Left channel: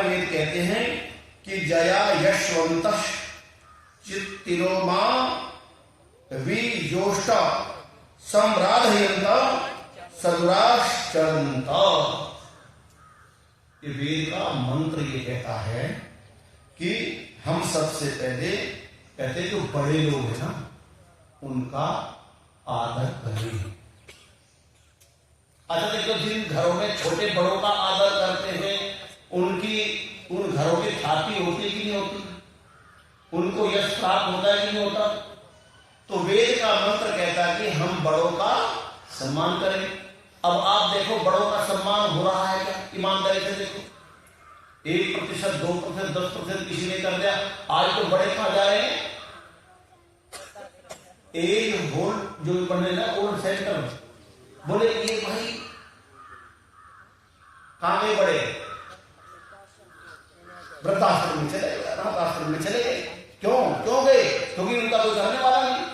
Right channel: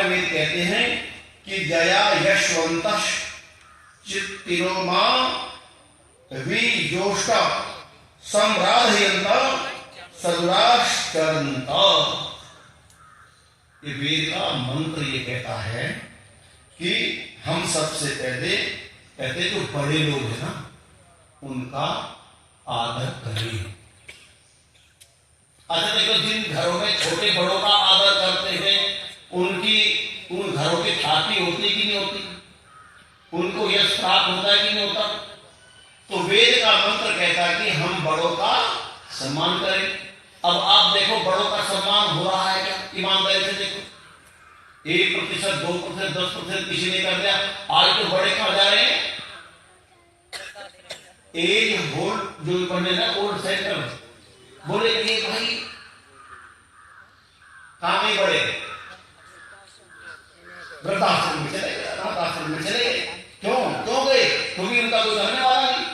वेद कहते हैं कि जया यशवंत चित्तिरोमा विजोष्ट सम्राधयंत सदुराश्चरंत। ये वेद का मंत्र ये कहता है कि हम सबसे पहले कहते जो बड़े लोग हैं ना उनका आदर करें। अच्छा देखो, जिन घरों में छोटे बड़ों का आदर करते हैं उन घरों की ख्याति होती कि नहीं होती, उनको यश प्राप्त होता है कि नहीं होता। तो वेद का मंत्र कहता है कि हम बड़ों का सम्मान करें। अब आप देखो बड़ों का सम्मान हो रहा है क्या? ईमानदारी से देखो, 1%, 2%, 10% किसी ने कर दिया। आज तो बड़े कहां जा रहे हैं? एक वोल्ट जो बने ना ओल्ड सेंटर, बोले ये भाई कहां गए बड़े? वृद्धाश्रम में चले गए, अनाथ आश्रम में चले गए। क्यों गए? क्योंकि उनका कोई करने वाला नहीं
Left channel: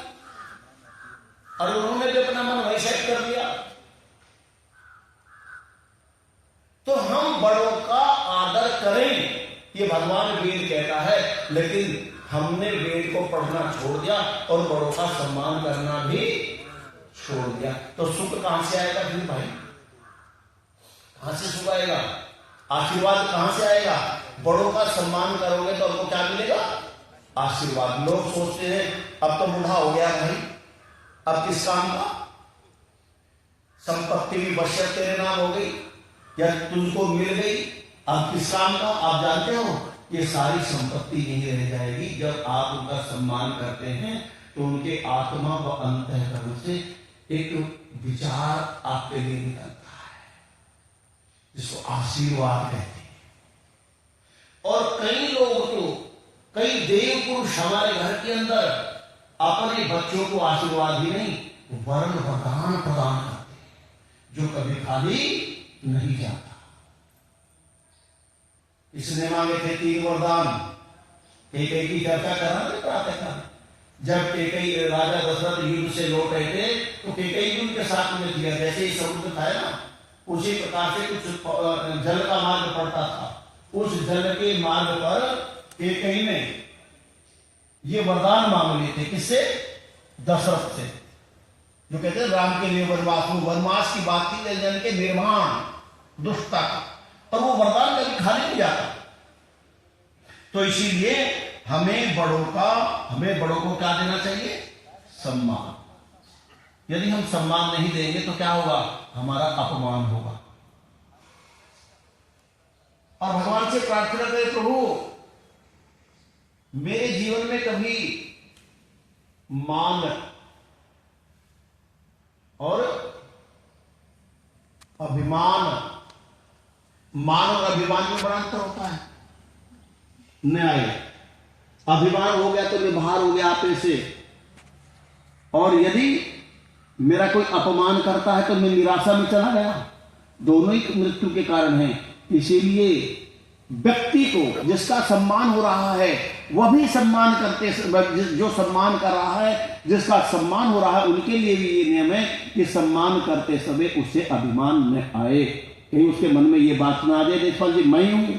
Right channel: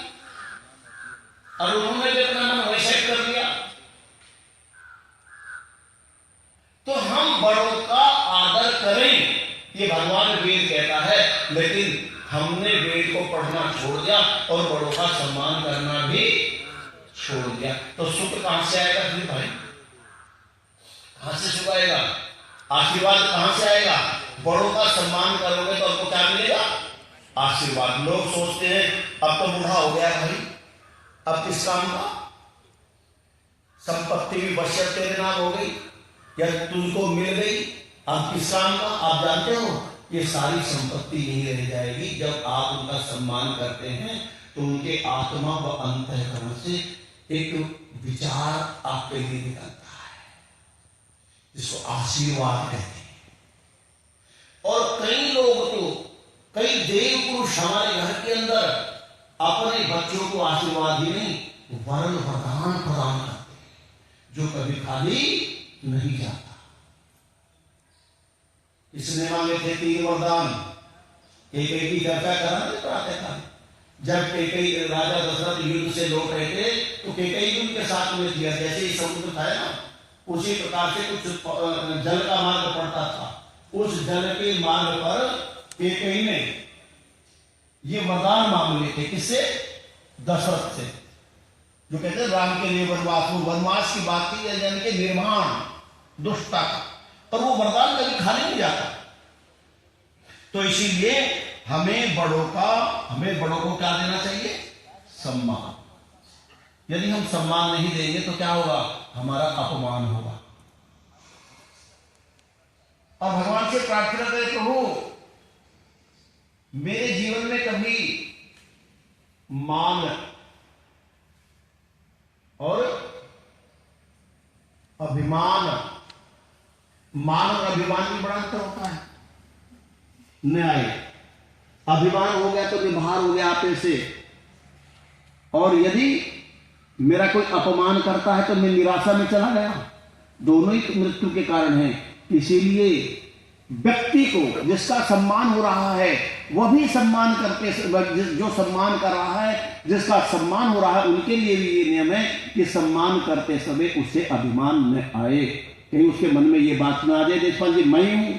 और उन्होंने भी अपना मन वही सेट कर दिया। तो हम बड़ों का आदर करें, ये भगवान वेद कहता है। लेकिन हमने वेद को पढ़ना छोड़ दिया और बड़ों का सम्मान करना भी छोड़ दिया। तो सुख कहां से आएगा फिर भाई? कहां से सुख आएगा? आशीर्वाद कहां से आएगा? बड़ों का सम्मान करोगे तो आपको क्या मिलेगा? आशीर्वाद। लोग सोचते हैं अब तो बूढ़ा हो गया भाई, अब किस काम का? संपत्ति भी बचत तेरे नाम हो गई या तुमको मिल गई, अब किस काम का? आप जानते हो ये सारी संपत्ति यही रह जाएगी। जब आप उनका सम्मान करते हैं तो उनके आत्मा व अंतःकरण से एक विचार आपके लिए निकलता है जिसको आशीर्वाद कहते हैं। और कई लोग तो, कई देव पुरुष हमारे घर के अंदर अपने बच्चों को आशीर्वाद ही नहीं वरन वरदान प्रदान करते हैं जो कभी खाली नहीं जाता। इसने मांगे थे 3 वरदान। कैकेयी की चर्चा करा जब कैकेयी राजा दशरथ युद्ध से लौट रहे थे तो कैकेयी उनके साथ में दिया। जैसे ही समुद्र था ना उसी प्रकार से कुछ जल का मार्ग पड़ता था। उस जल के मार्ग पर कैकेयी ने ये वरदान मांग लिए थे। किससे? दशरथ से, जो कहते हैं राम के लिए वनवास की बात थी, यानी कि निर्माण दुष्टता का। पर वो वरदान कभी खाली नहीं जाता। तो इसीलिए हमें बड़ों को क्या देना चाहिए? सम्मान। यदि हम सम्मान नहीं देंगे तो क्या होगा? हमारा अपमान होगा। और भगवान से प्रार्थना करें, प्रभु मेरे जीवन में कभी मान और अभिमान में बड़ा अंतर होता है। न्याय अभिमान हो गया तो निभार हो गया आपे से, और यदि मेरा कोई अपमान करता है तो मैं निराशा में चला गया। दोनों ही मृत्यु के कारण हैं। इसीलिए व्यक्ति को जिसका सम्मान हो रहा है वह भी सम्मान करते, जो सम्मान कर रहा है, जिसका सम्मान हो रहा है उनके लिए भी ये नियम है कि सम्मान करते समय उसे अभिमान न आए। कहीं उसके मन में ये बात ना आ जाए देशपाल जी मैं हूं।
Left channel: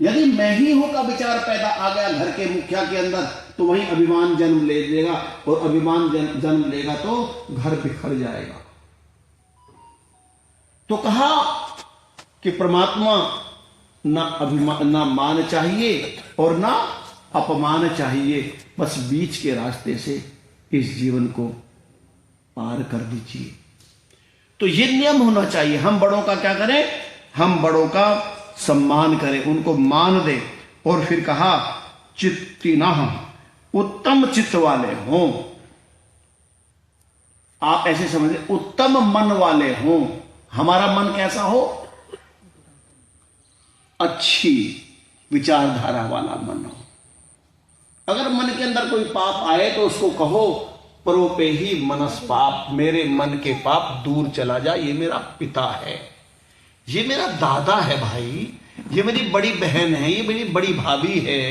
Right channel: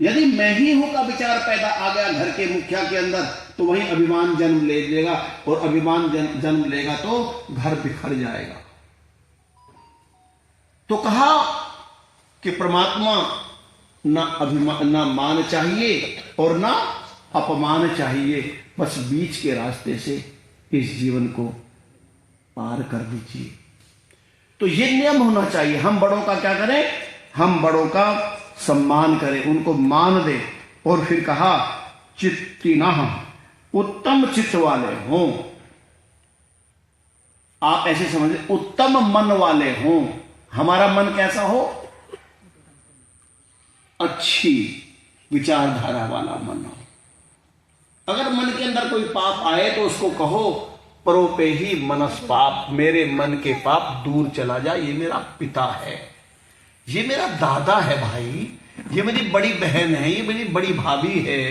यदि मैं ही हूं का विचार पैदा आ गया घर के मुखिया के अंदर तो वही अभिमान जन्म ले लेगा, और अभिमान जन्म लेगा तो घर बिखर जाएगा। तो कहा कि परमात्मा ना मान चाहिए और ना अपमान चाहिए, बस बीच के रास्ते से इस जीवन को पार कर दीजिए। तो ये नियम होना चाहिए। हम बड़ों का क्या करें? हम बड़ों का सम्मान करें, उनको मान दें। और फिर कहा चित्तिनः, उत्तम चित्त वाले हों। आप ऐसे समझे, उत्तम मन वाले हों। हमारा मन कैसा हो? अच्छी विचारधारा वाला मन हो। अगर मन के अंदर कोई पाप आए तो उसको कहो परोपे ही मनस पाप, मेरे मन के पाप दूर चला जा। ये मेरा पिता है, ये मेरा दादा है भाई, ये मेरी बड़ी बहन है, ये मेरी बड़ी भाभी है।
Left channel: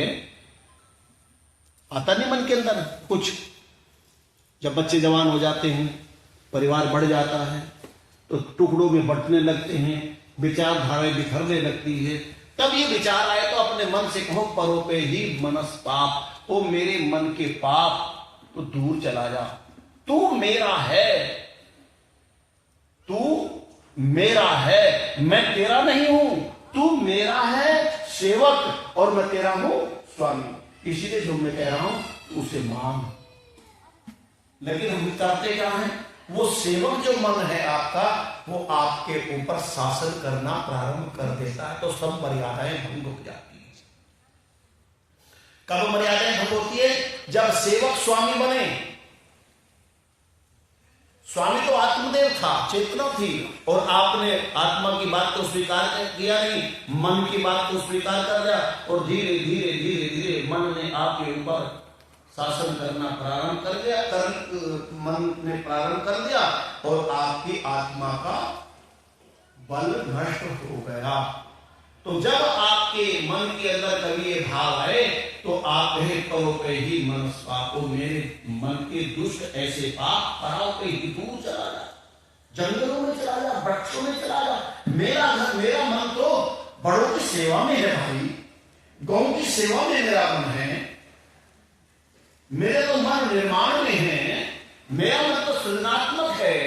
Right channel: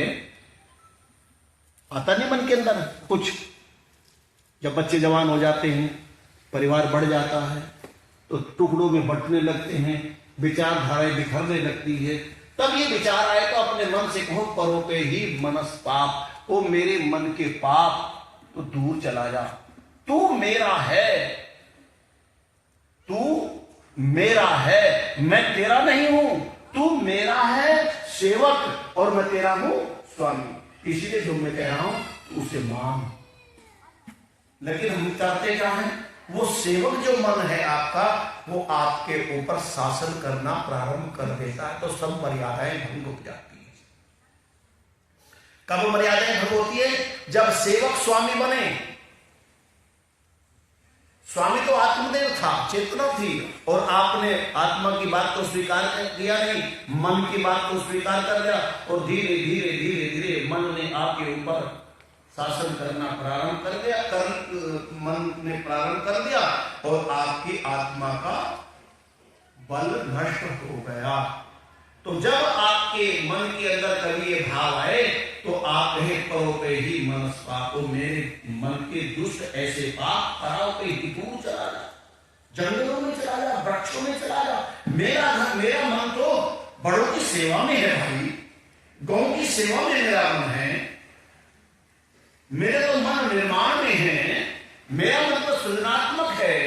आता नहीं मन के अंदर कुछ? जब बच्चे जवान हो जाते हैं, परिवार बढ़ जाता है, टुकड़ों में बंटने लगते हैं, विचारधाराएं बिखरने लगती है। तब ये विचार आए तो अपने मन से कहो परों पे ही मनस्ताप, ओ मेरे मन के पाप तो दूर चला जा, तू मेरा है, तू मेरा है, मैं तेरा नहीं हूं, तू मेरा है सेवक और मैं तेरा हूं स्वामी। इसीलिए जो मैं कह रहा हूं तू उसे मान। लेकिन हम करते क्या है, वो सेवक जो मन है आपका, वो आपके ऊपर शासन करना प्रारंभ कर देता है, तो सब मर्यादाएं भंग हो जाती है। कब मर्यादाएं भंग होती है? जब सेवक स्वामी बने। स्वामी तो आत्मदेव था, चेतना थी, और आपने आत्मा की बात को स्वीकार कर दिया नहीं, मन की बात को स्वीकार कर दिया, और धीरे धीरे धीरे धीरे मन ने आपके ऊपर शासन करना प्रारंभ कर दिया, मन ने प्रारंभ कर दिया, और आपकी आत्मा का बल नष्ट हो गया। तो जब आपके मन के अंदर कभी ये भाव आए, तो आप कहे परों पे ही मनस्ताप, मेरे मन के दुष्ट ऐसे पाप पराव पे ही दूर चला जा, जंगलों में चला जा, वृक्षों में चला जा। मेरा मन तो बड़ों की सेवा में है भाई, गौ की सेवा में मेरा मन है, मेरे तो मन निर्माण में है, मेरा मन तो सृजनात्मक है,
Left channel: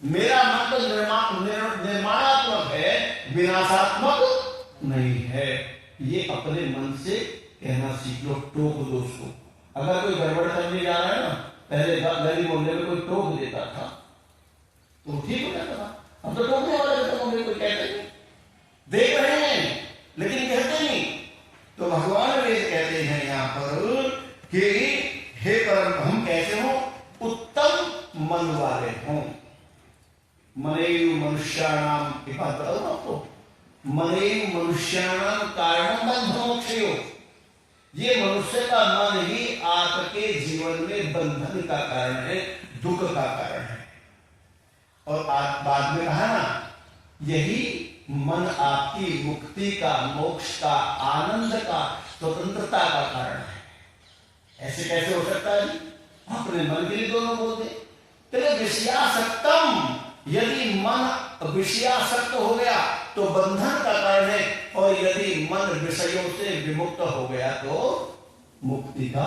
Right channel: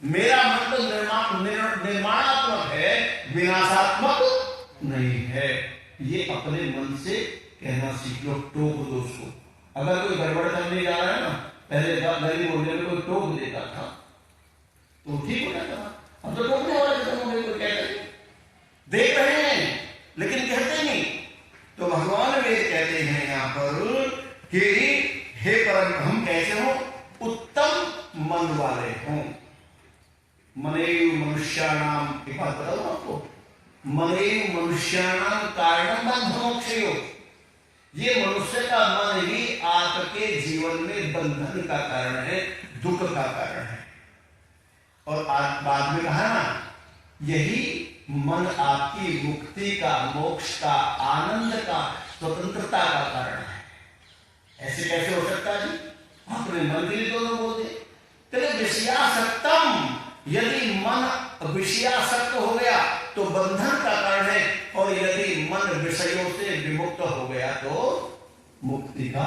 मेरा मन तो निर्माणात्मक है, विनाशात्मक नहीं है। ये अपने मन से कहना सीख लो, टोक दो उसको। अगर कोई गड़बड़ करने जा रहा है ना, पहले गली मोहल्ले में कोई टोक देता था तो ठीक हो जाता था, अब तो टोकने वाले को कहते देख रहे हैं लेकिन कहते नहीं। तो भगवान वेद कहते हैं यहाँ पर कि हे परम, हम कैसे हो? उत्तम मन वाले हों। मनेयु मनुष्याणाम, एक बात बताऊं आपको, मनेयु मनुष्याणाम कारणम बंध मोक्षयो। ये मनुष्य का मन ही आपके जीवन में बंधन का कारण है, दुख का कारण है। और आज बाद में कहा ना, यही मन आपकी मुक्ति का, मोक्ष का, आनंद का, स्वतंत्रता का कारण है। ऐसे कैसे हो सकता है जी? अपने मन के लिए दोनों बोलते। कहते विषयासक्तम, यदि मन विषयासक्त हो गया तो बंधन का कारण है, और यदि मन विषयों से विमुक्त हो गया तो मुक्ति का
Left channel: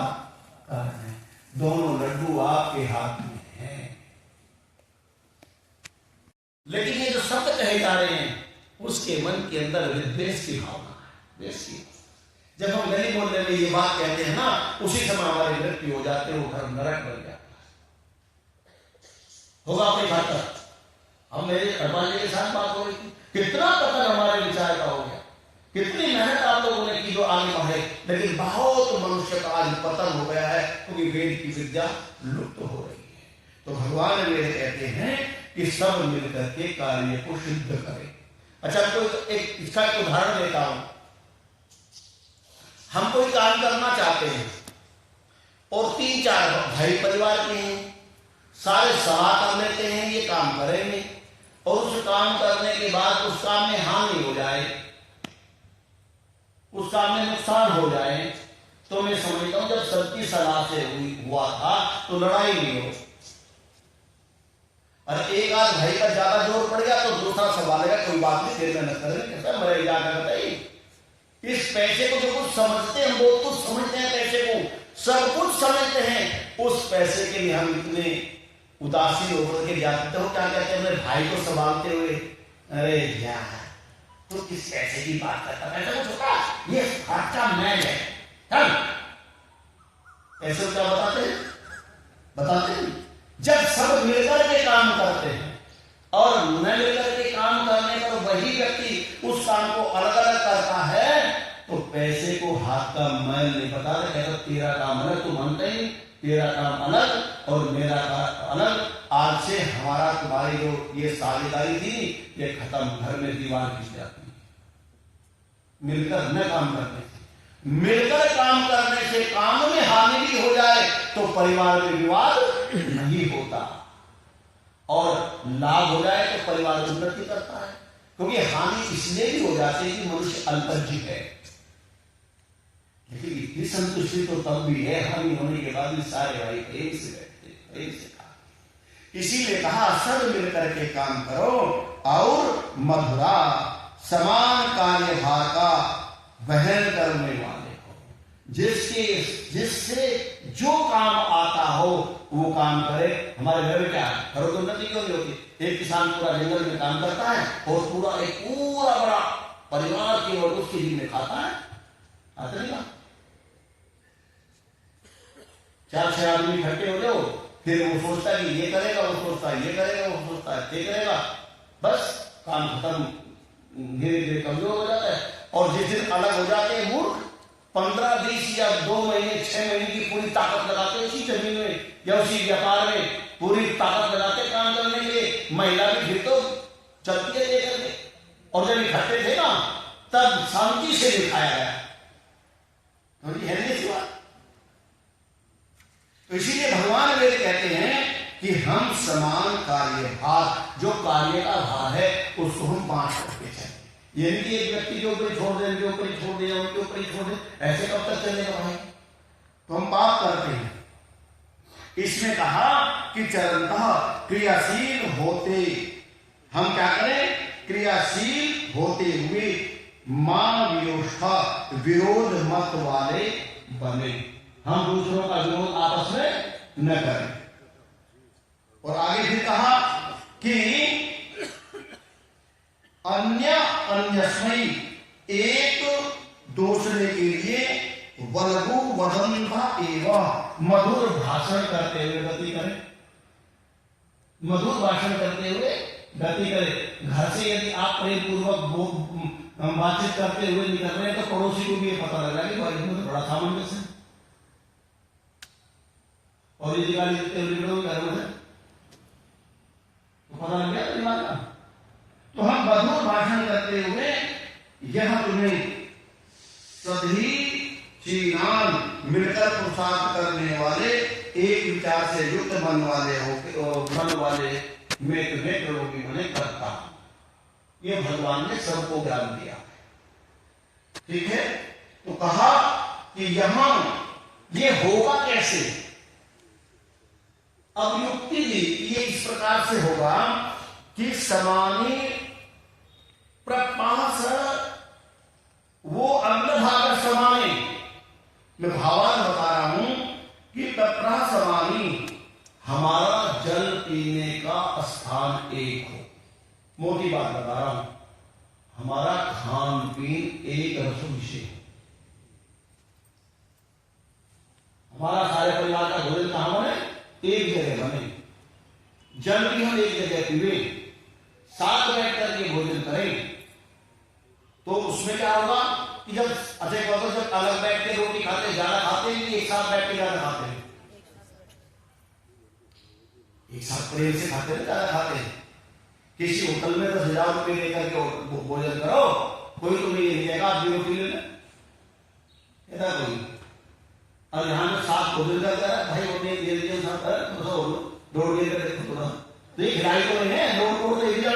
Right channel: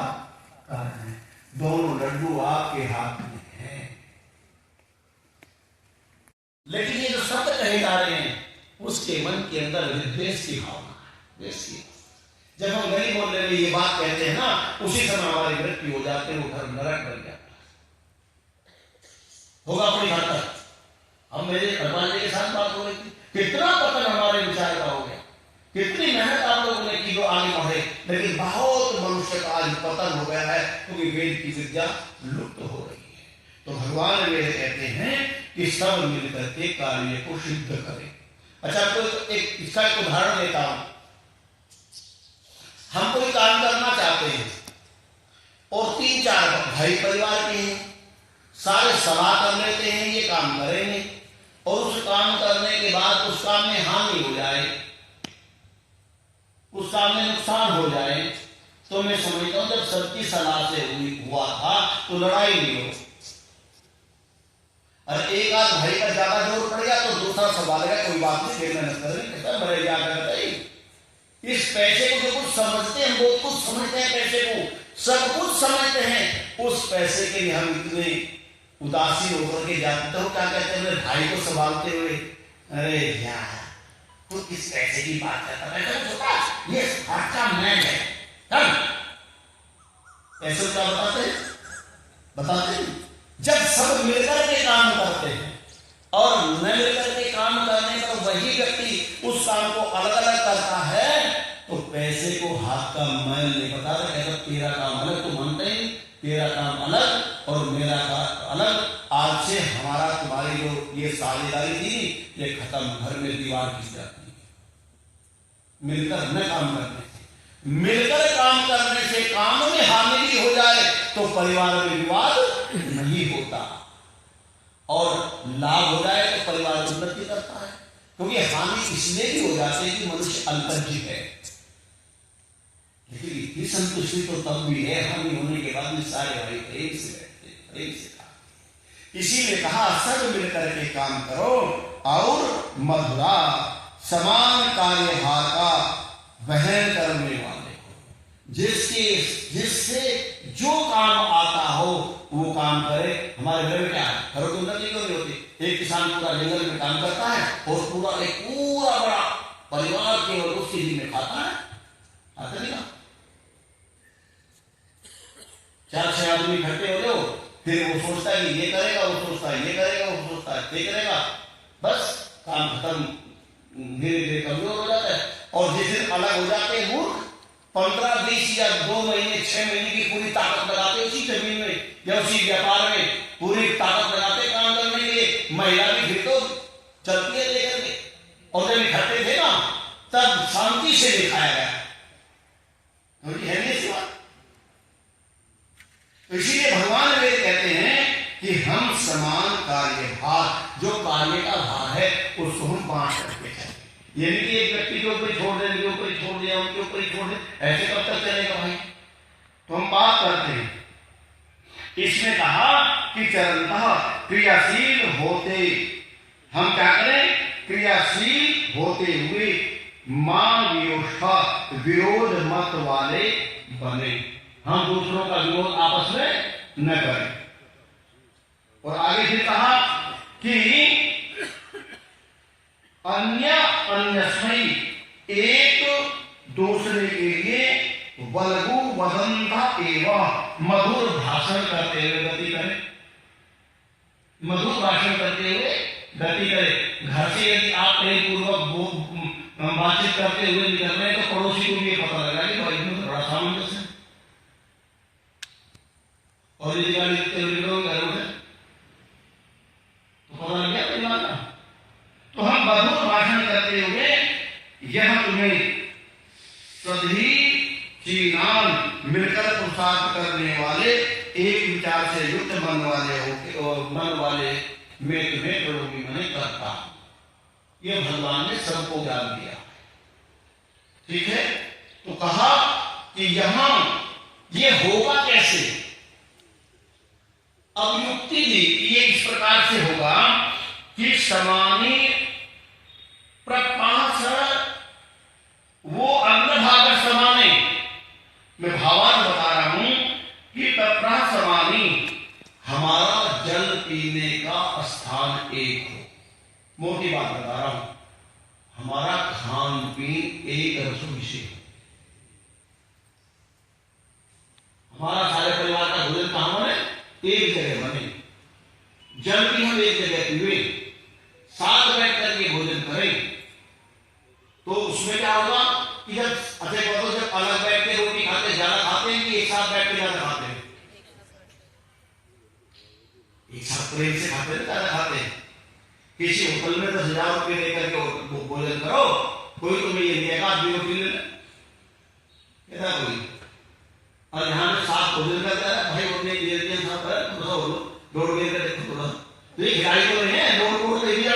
कारण है। दोनों लड्डू आपके हाथ में है। लेकिन ये जो शब्द कहे जा रहे हैं, उसके मन के अंदर विद्वेष की भावना है, द्वेष की। जब हम गली मोहल्ले में ये बात कहते हैं ना, उसी समय हमारी मृत्यु हो जाते हैं, वो घर नरक बन जाता है। होगा अपने घर तक। अब मेरे अरबाजी के साथ बात हो रही थी, कितना पतन हमारे विचार का हो गया, कितनी मेहनत आप लोगों ने की जो आगे बढ़े, लेकिन बहुत मनुष्य का आज पतन हो गया है, क्योंकि वेद की विद्या लुप्त हो रही है। तो भगवान वेद कहते हैं कि सब मिलकर के कार्य को सिद्ध करें। अच्छा, कोई एक इसका एक उदाहरण देता हूं। हम कोई काम करना चाहते हैं और 3-4 भाई परिवार के हैं, सारे सलाह कर लेते हैं ये काम करेंगे, और उस काम करने के बाद उस काम में हानि हो जाए, उस काम में नुकसान हो जाए, तो मैं समझता हूं जब सबकी सलाह से हुआ था तो लड़ाई नहीं हो। और एक आध भाई पर ज्यादा जोर पड़ गया तो दूसरा सवालेगा, कोई बात नहीं, फिर मेहनत करेंगे, मरे जाकर बताइए। इस पैसे को जो कुछ समझते हैं, बहुत कुछ समझते हैं, पैसे को सब कुछ समझते हैं, उस पैसे के लिए हम इतने उदासीन होकर के जाते हो। क्या कहते हैं अपने भाई को संभालते हुए, अरे यार तू किस पैसे की बात करता है, ये हर का मैच है। पैसे क्या बताते हैं जब सब मिलकर के काम करते हैं, और न मिलकर के काम करने पर वही व्यक्ति उस काम को अलग अलग करता है, तो पैसे को हाथ का मैल नहीं बताता। कहता तेरा काम अलग, तो मानते ही तेरा काम अलग और मेरा काम अलग, आज से हमारा तुम्हारी जो ये साझेदारी थी ये खत्म, घर में दीवार खिंच जाती है। मिलकर न काम करते थे, मिलकर काम करने से काम में हानि भी हो जाए तो परिवार में विवाद नहीं होता, और लाभ हो जाए तो परिवार उन्नति करता है। क्योंकि हानि इसलिए भी हो जाती है कि मनुष्य अल्पज्ञ है, लेकिन इतनी संतुष्टि तो तब भी है हानि होने के बाद भी सारे भाई प्रेम से बैठते, प्रेम से खा। इसीलिए कहा सब मिलकर के काम करो और मधुरा समान कार्यभार का वहन करने वाले हो, जिससे जो काम आता हो वो काम करे। हमारे घर में क्या है, घरों की उन्नति क्यों नहीं होती? एक किसान पूरा जंगल में काम करता है और पूरा बड़ा परिवार केवल उसके दिन में खाता है, आता नहीं ना। 4-6 आदमी इकट्ठे हो जाओ, फिर वो सोचता है कि ये करेगा, वो सोचता है ये करेगा, वो सोचता है ये करेगा, बस काम खत्म, धीरे धीरे कमजोर हो जाता है। और जिस दिन अलग हो जाते हैं मूर्ख, 15-20 या 2 महीने 6 महीने की पूरी ताकत लगाते उसी जमीन में या उसी व्यापार में, पूरी ताकत लगाते काम करने के लिए। महिला भी फिर तो चलती है लेकर के। और जब इकट्ठे थे ना, तब शांति से दिखाया गया, तो ये है नहीं इस बात। तो इसीलिए भगवान वेद कहते हैं कि हम समान कार्यभार, जो कार्य का भार है उसको हम बांट करके चलें। ये नहीं कि एक व्यक्ति के ऊपर छोड़ दें, उनके ऊपर छोड़ दिया, उनके ऊपर ही छोड़ दें, ऐसे कब तक चलेगा भाई? तो हम बात करते हैं। इसमें कहा कि चरणतः क्रियाशील होते, हम क्या करें? क्रियाशील होते हुए मां वियोष्ठा, विरोध मत वाले बने। हम दूसरों का विरोध आपस में न करें। और आगे फिर कहा कि अन्यस्मै, एक दूसरे के लिए वल्गु वदंता एवं मधुर भाषण करते हुए गति करें। मधुर भाषण करते हुए गति करें। घर से यदि आप प्रेम पूर्वक बातचीत करते हुए निकल रहे हैं तो पड़ोसी को भी ये पता लगा कि भाई इसमें तो बड़ा सामंजस्य है। और यदि गाड़ी देते हुए निकलोगे घर में तो पता लग गया परिवार का। तो हम मधुर भाषण करते हुए यह तुम्हें सधी चीनान, मिलकर पुरुषार्थ करने वाले, एक विचार से युक्त मन वाले मैं तुम्हें प्रलोभी मने करता हूं। यह भगवान ने सबको ज्ञान दिया, ठीक है। तो कहा कि यहां ये होगा कैसे? अब युक्ति दी, ये इस प्रकार से होगा कि समानी प्रपास, वो अग्रभाग समाने, मैं भावार्थ बता रहा हूं कि तत्प्रा समानी, हमारा जल पीने का स्थान एक हो। मोटी बात बता रहा हूं, हमारा खान पीन एक रस विषय हो। हमारा सारे परिवार का भोजन कहां बने? एक जगह बने। जल भी हम एक जगह पीवे, साथ बैठ करके भोजन करें, तो उसमें क्या होगा कि जब जब अलग बैठ के रोटी खाते ज्यादा खाते हैं कि एक साथ बैठ के ज्यादा खाते हैं? एक साथ प्रेम से खाते हैं, ज्यादा खाते हैं। किसी होटल में 10,000 रुपये लेकर के भोजन करो, कोई तुम्हें ये देगा आप भी रोटी ले लें, कोई। और यहाँ पे साथ भोजन करता है भाई, वो देर साथ है थोड़ा दौड़ के देखो थोड़ा, तो ये खिलाड़ी तो नहीं है, दौड़ कोड़ ले दिया